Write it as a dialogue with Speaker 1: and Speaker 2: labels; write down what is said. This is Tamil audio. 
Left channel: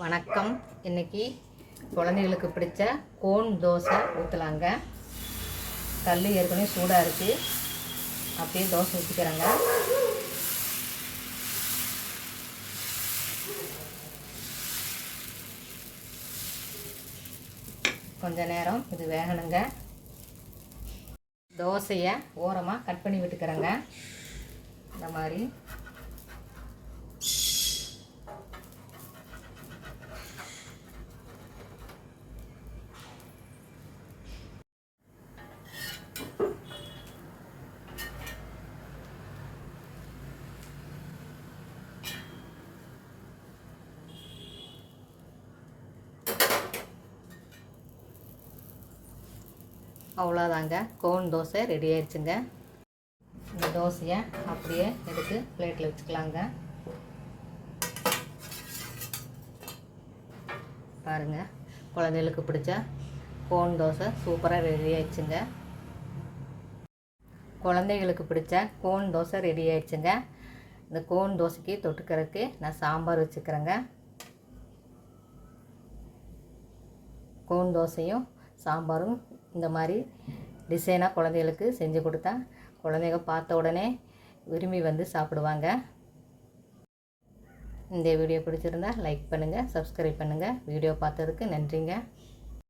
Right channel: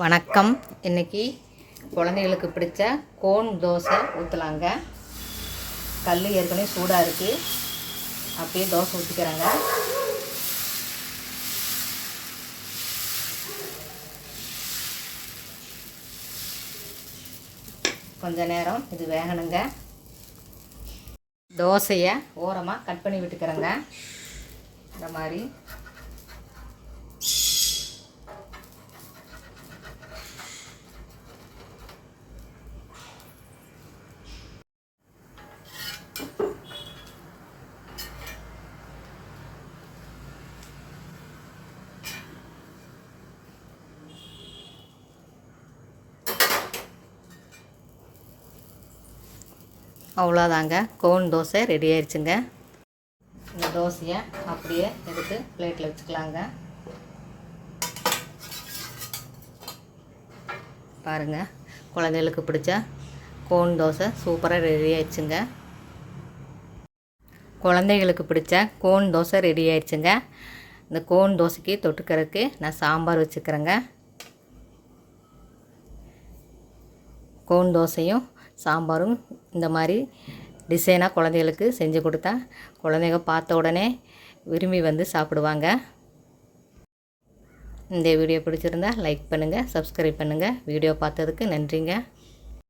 Speaker 1: வணக்கம். இன்னைக்கு குழந்தைகளுக்கு பிடிச்ச கோன் தோசை ஊற்றலாங்க கல் ஏற்கனவே சூடாக இருக்குது அப்படியே தோசை ஊற்றிக்கிறேங்க கொஞ்ச நேரம் இது வேகணுங்க. தோசையை ஓரமாக கட் பண்ணி விட்டுக்கிறேங்க. இந்த மாதிரி அவ்வளோதாங்க. கோன் தோசை ரெடி ஆயிடுச்சுங்க இந்த தோசையை அப்படியே எடுத்து பிளேட்டில் வச்சுக்கலாங்க. பாருங்கள் குழந்தைகளுக்கு பிடிச்ச கோன் தோசை சூப்பராக ரெடி ஆயிடுச்சுங்க குழந்தைகளுக்கு பிடிச்ச கோன் தோசை ரெடி ஆயிடுச்சுங்க இந்த கோன் தோசைக்கு தொட்டுக்கிறதுக்கு நான் சாம்பார் வச்சுக்கிறேங்க. கோன் தோசையும் சாம்பாரும் இந்த மாதிரி டிசைனாக குழந்தைகளுக்கு செஞ்சு கொடுத்தா குழந்தைங்க பார்த்த உடனே விரும்பி வந்து சாப்பிடுவாங்க. இந்த வீடியோ பிடிச்சிருந்தா லைக் பண்ணுங்கள் சப்ஸ்கிரைப் பண்ணுங்கள் வீடியோ பார்த்ததுக்கு நன்றிங்க.